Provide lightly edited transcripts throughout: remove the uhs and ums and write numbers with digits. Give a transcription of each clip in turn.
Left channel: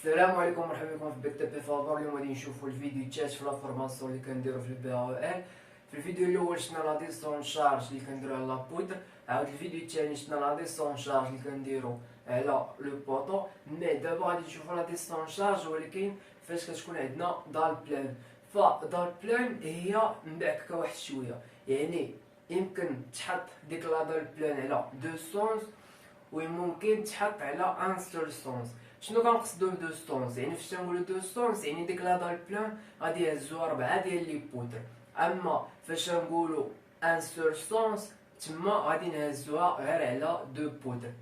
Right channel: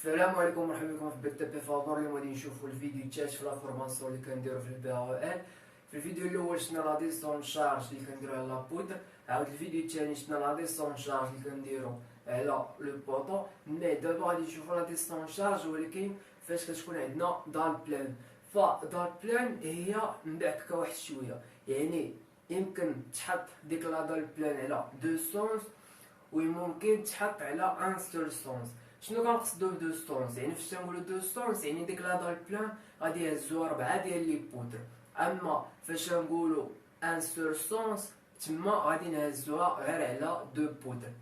السلام عليكم، مرحبا بكم في بيت بي فابور. اليوم غادي نشوفوا الفيديو تشات في لا فورماسيون اللي كنديرو في البي او ال. في الفيديو الاول شفنا لا ديسون شارج اللي كنديرو على لا بودر. عاود الفيديو الثاني شفنا لا ديسون شارج اللي كنديرو على لو بوطو. مي دابا غادي نشوفوا لا ديسون شارج ولكن فاش كتكون عندنا دال بلان. فدال بلان هي مبعككه واحد شويه، يعني يمكن تحط ديك لا دال بلان على دو سونس وممكن تحط على ان سول سونس. شنو كنقصدو بدو ستونس؟ يعني فاش تنقولو دو ستونس يعني ديك لا دال بلان غادي يهزوها 4 ديال لي بودر، اما فاش نقولو ان سول سونس تما غادي نهزوها غير على دو بودر.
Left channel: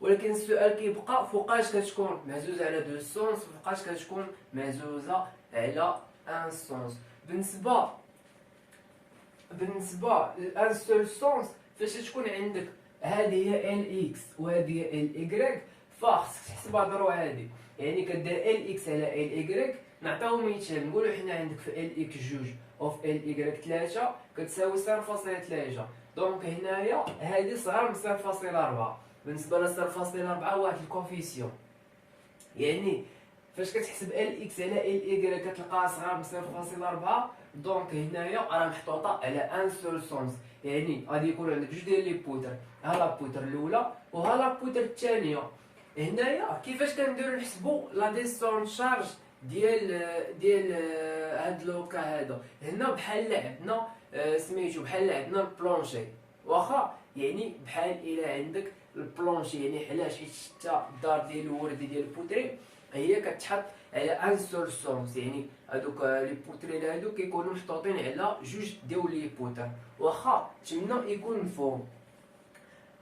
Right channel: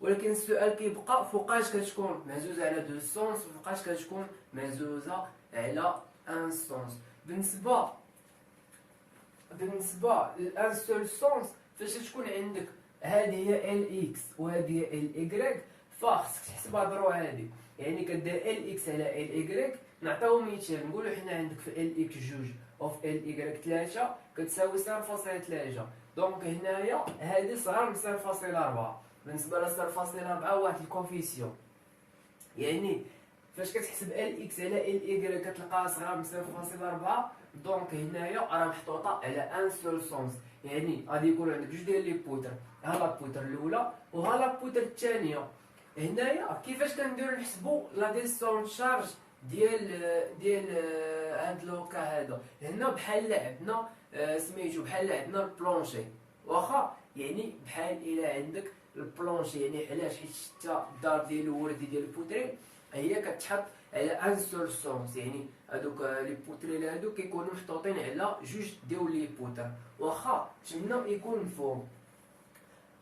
ولكن السؤال كيبقى فوقاش كتكون مهزوزه على دو سونس وفوقاش كتكون مهزوزه على ان سونس. بالنسبه لان سول سونس فاش تكون عندك هذه هي ال اكس وهذه هي ال ايكغيك، فخصك تحسبها ضرو هادي، يعني كدير ال اكس على ال ايكغيك. نعطيو مثال، نقولو حنا عندك في ال اكس 2 اوف ال ايكغيك 3 كتساوي 0.3. دونك هنايا هادي صغار من 0.4. بالنسبه ل 0.4 واحد الكوفيسيون، يعني فاش كتحسب ال اكس على ال ايكغيك كتلقاها صغار من 0.4. دونك هنايا راه محطوطه على ان سول سونس، يعني غادي يكون عندك جوج ديال لي بوتر، ها لا بوتر الاولى وها لا بوتر الثانيه. هنايا كيفاش كنديرو نحسبو لا ديسون شارج ديال هاد لوكا هذا؟ هنا بحال عندنا سميتو بحال عندنا البلونشي، واخا يعني بحال الا عندك البلونشي، يعني علاش؟ حيت شتا الدار ديال الوردي ديال البوتري هي كتحط على ان سول سونس، يعني هادوك لي بوتري هادو كيكونوا محطوطين على جوج ديال لي بوتر، واخا تما يكون مفهوم.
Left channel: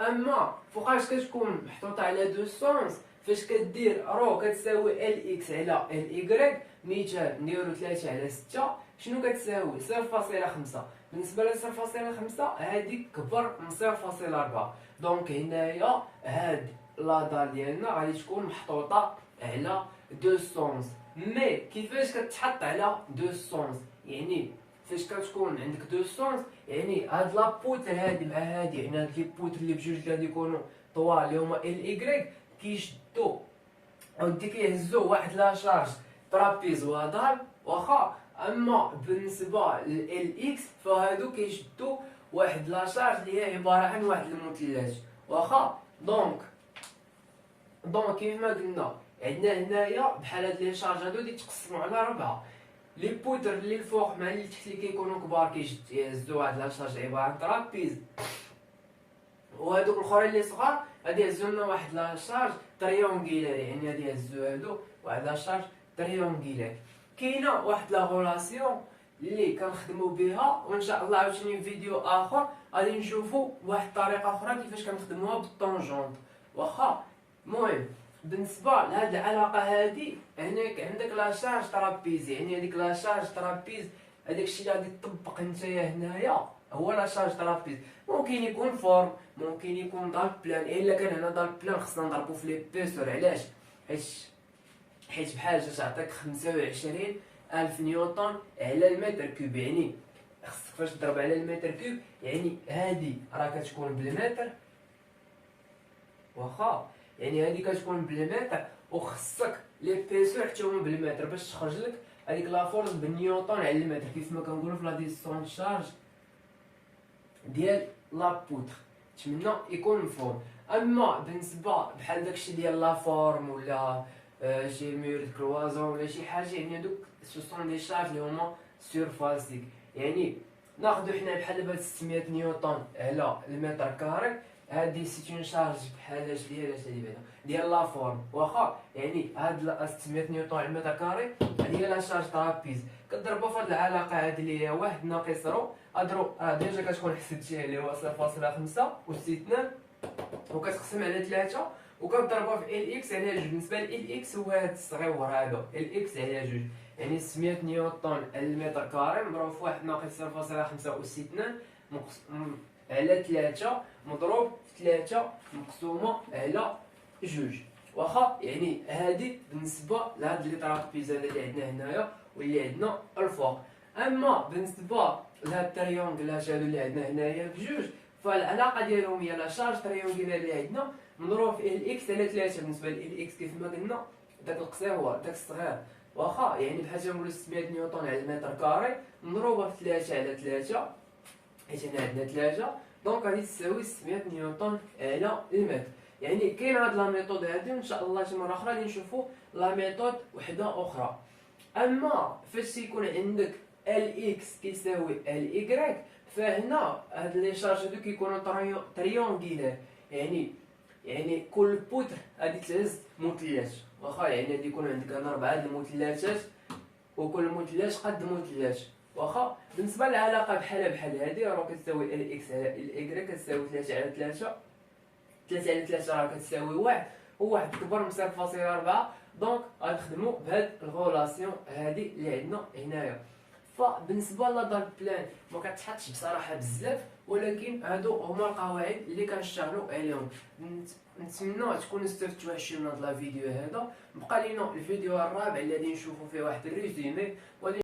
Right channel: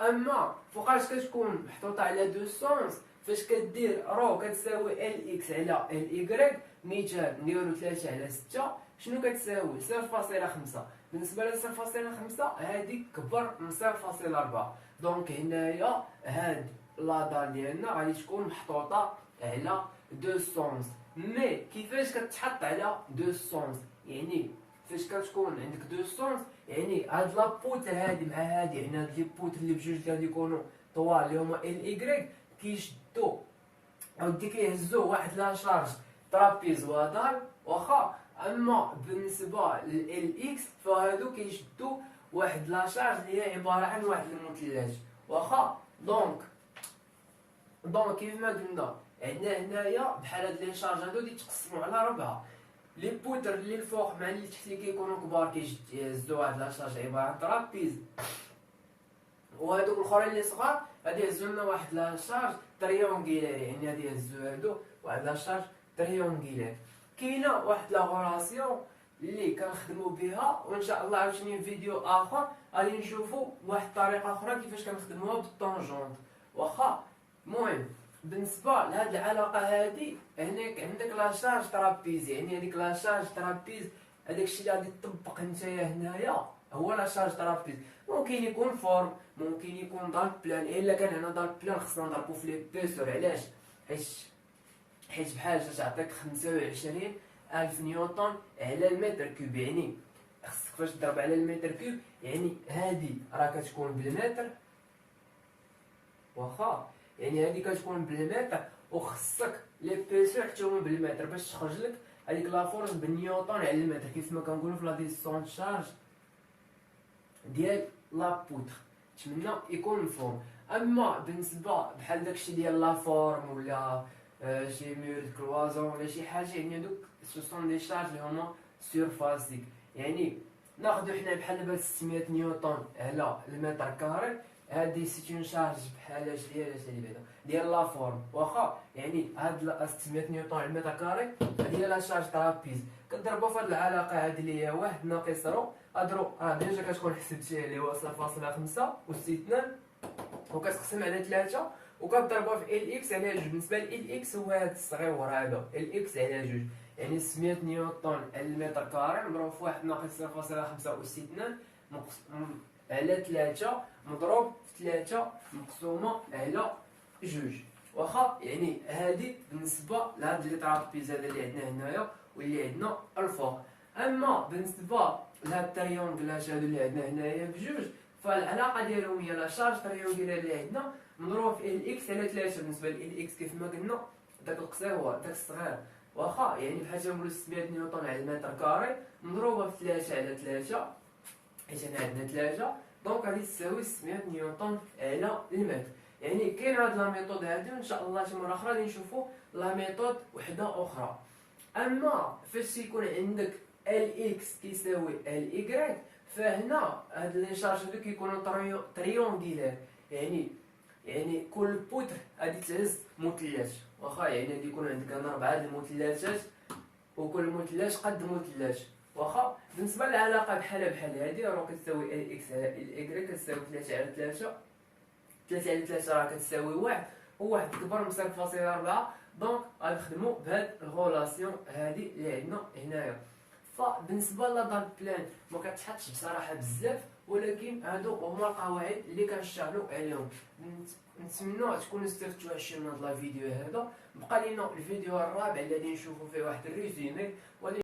اما فوقاش كتكون محطوطه على دو سونس، فاش كدير رو كتساوي ال اكس على ال ايكغيك، مثال نديرو 3 على 6 شنو كتساوي؟ 0.5. بالنسبه ل 0.5 هادي كبر من 0.4. دونك هنايا هاد لا دال ديالنا غادي تكون محطوطه على دو سونس. مي كيفاش كتحط على دو سونس؟ يعني فاش كتكون عندك دو سونس يعني هاد لا بوتر هادي مع هادي، يعني هاد لي بوتر اللي بجوج غادي يكونوا طوال اللي هما ال ايكغيك كيشدو ودي كيهزو واحد لا شارج ترابيز ودار، واخا. اما بالنسبه لل اكس فهادو كيشدو واحد لا شارج اللي هي عباره عن واحد المثلث، واخا. دونك كيف ما قلنا عندنا هنايا بحال هاد لي شارج هادو يتقسموا على 4. لي بوتر اللي الفوق مع اللي تحت اللي كيكونوا كبار كيهزوا واحد لا شارج عباره عن ترابيز، وهادوك الاخرين اللي صغار غادي يهزوا لنا واحد لا شارج تريونغيلار، يعني غادي يهزوا هادو واحد لا شارج تريونغيلار. كاينه واحد لا غولاسيون اللي كنخدموا بها، وان شاء الله عاوتاني في فيديو اخر غادي نشوفوا واحد الطريقه اخرى كيفاش كنخدموها بالطونجونت، واخا. المهم بالنسبه لهاد العلاقه هادي، هنا عندك لا شارج ترابيز، يعني هذيك لا شارج ترابيز هذاك الشيء اللي غادي تطبق نتايا هنايا هو لا شارج ترابيز. ممكن يكون فورم، ممكن يكون دال بلان. الا كان هنا دال بلان خصنا نضربو في لي بيسور، علاش؟ حيت بحال جا تعطيك 25,000 نيوتن على المتر كوب، يعني خصك فاش تضرب على المتر كوب يعني هادي راه كتكون بالمتر، واخا، يعني هادي كتكون بالمتر، وخصك لي بيسو حتى هما بالمتر باش تخرج لك هذيك لا فورس بالنيوتن على المتر، كيف ما كنقولوا في لا ديستونس شارج ديال لا بوتر. نتمنى يكون مفهوم. اما بالنسبه بحال داكشي ديال لا فورم ولا شي مير كلوازون ولا شي حاجه، يعني هادوك سو سون دي شارج اللي هما سيرفاسيك، يعني ناخذ حنا بحال دابا 600 نيوتن على المتر كاري، هادي سيت اون شارج بحال اش ديال لا فورم، واخا. يعني هاد 600 نيوتن على المتر كاري هادي هي لا شارج ترابيز. كضربها في هاد العلاقه هادي اللي هي 1 ناقص رو، اضرب ديجا كتكون حسبتيها اللي هو 0.5 و2 وكتقسم على 3 وكضربها في ال اكس على 2. بالنسبه ل اكس هو هاد الصغيور هذا ال اكس على 2، يعني 600 نيوتن على المتر كاري مضروب في 1 ناقص 0.5 و2 على 3 مضروب في 3 مقسومه على 2، واخا. يعني هادي بالنسبه لهاد لي ترابيز هذا اللي عندنا هنايا واللي عندنا الفوق. اما بالنسبه لهاد التريونغلات هادو اللي عندنا هنايا بجوج، فالعلاقه ديالهم هي لا شارج تريونغلار اللي عندنا مضروب في ال اكس على 3. بالنسبه ل ال اكس كيف ما قلنا داك القصير داك الصغير واخا يعني بحال تنقولو 600 نيوتن على المتر كاري مضروبه في 3 على 3، حيت هنا عندنا 3 دونك غادي تساوي 600 نيوتن على المتر. يعني كاين هاد لا ميثود هادي، وان شاء الله شي مره اخرى غادي نشوفوا لا ميثود وحده اخرى. اما فاش تيكون عندك ال اكس كيساوي ال ايكغيك، فهنا هاد لي شارج هادو كيكونوا تريونغيلير، يعني كل بوتر غادي تهز مثلث، واخا يعني غادي يكون عندك هنا 4 المثلثات وكل مثلث قد مثلث. واخا بالنسبه للعلاقه بحال هادي راه كتساوي ال اكس على ال ايكغيك كتساوي 3 على 3، 3 على 3 راه كتساوي 1 وواحد كبر من 0.4. دونك غنخدموا بهاد الغولاسيون هادي اللي عندنا هنايا. فبالنسبه لدار بلان ما كتحطش بصراحه بزاف، ولكن هادو هما القواعد اللي كنشتغلوا عليهم. نتمنى تكونوا استفدتوا شي من هاد الفيديو هذا. بقى لينا الفيديو الرابع اللي غادي نشوفوا فيه واحد الريزومي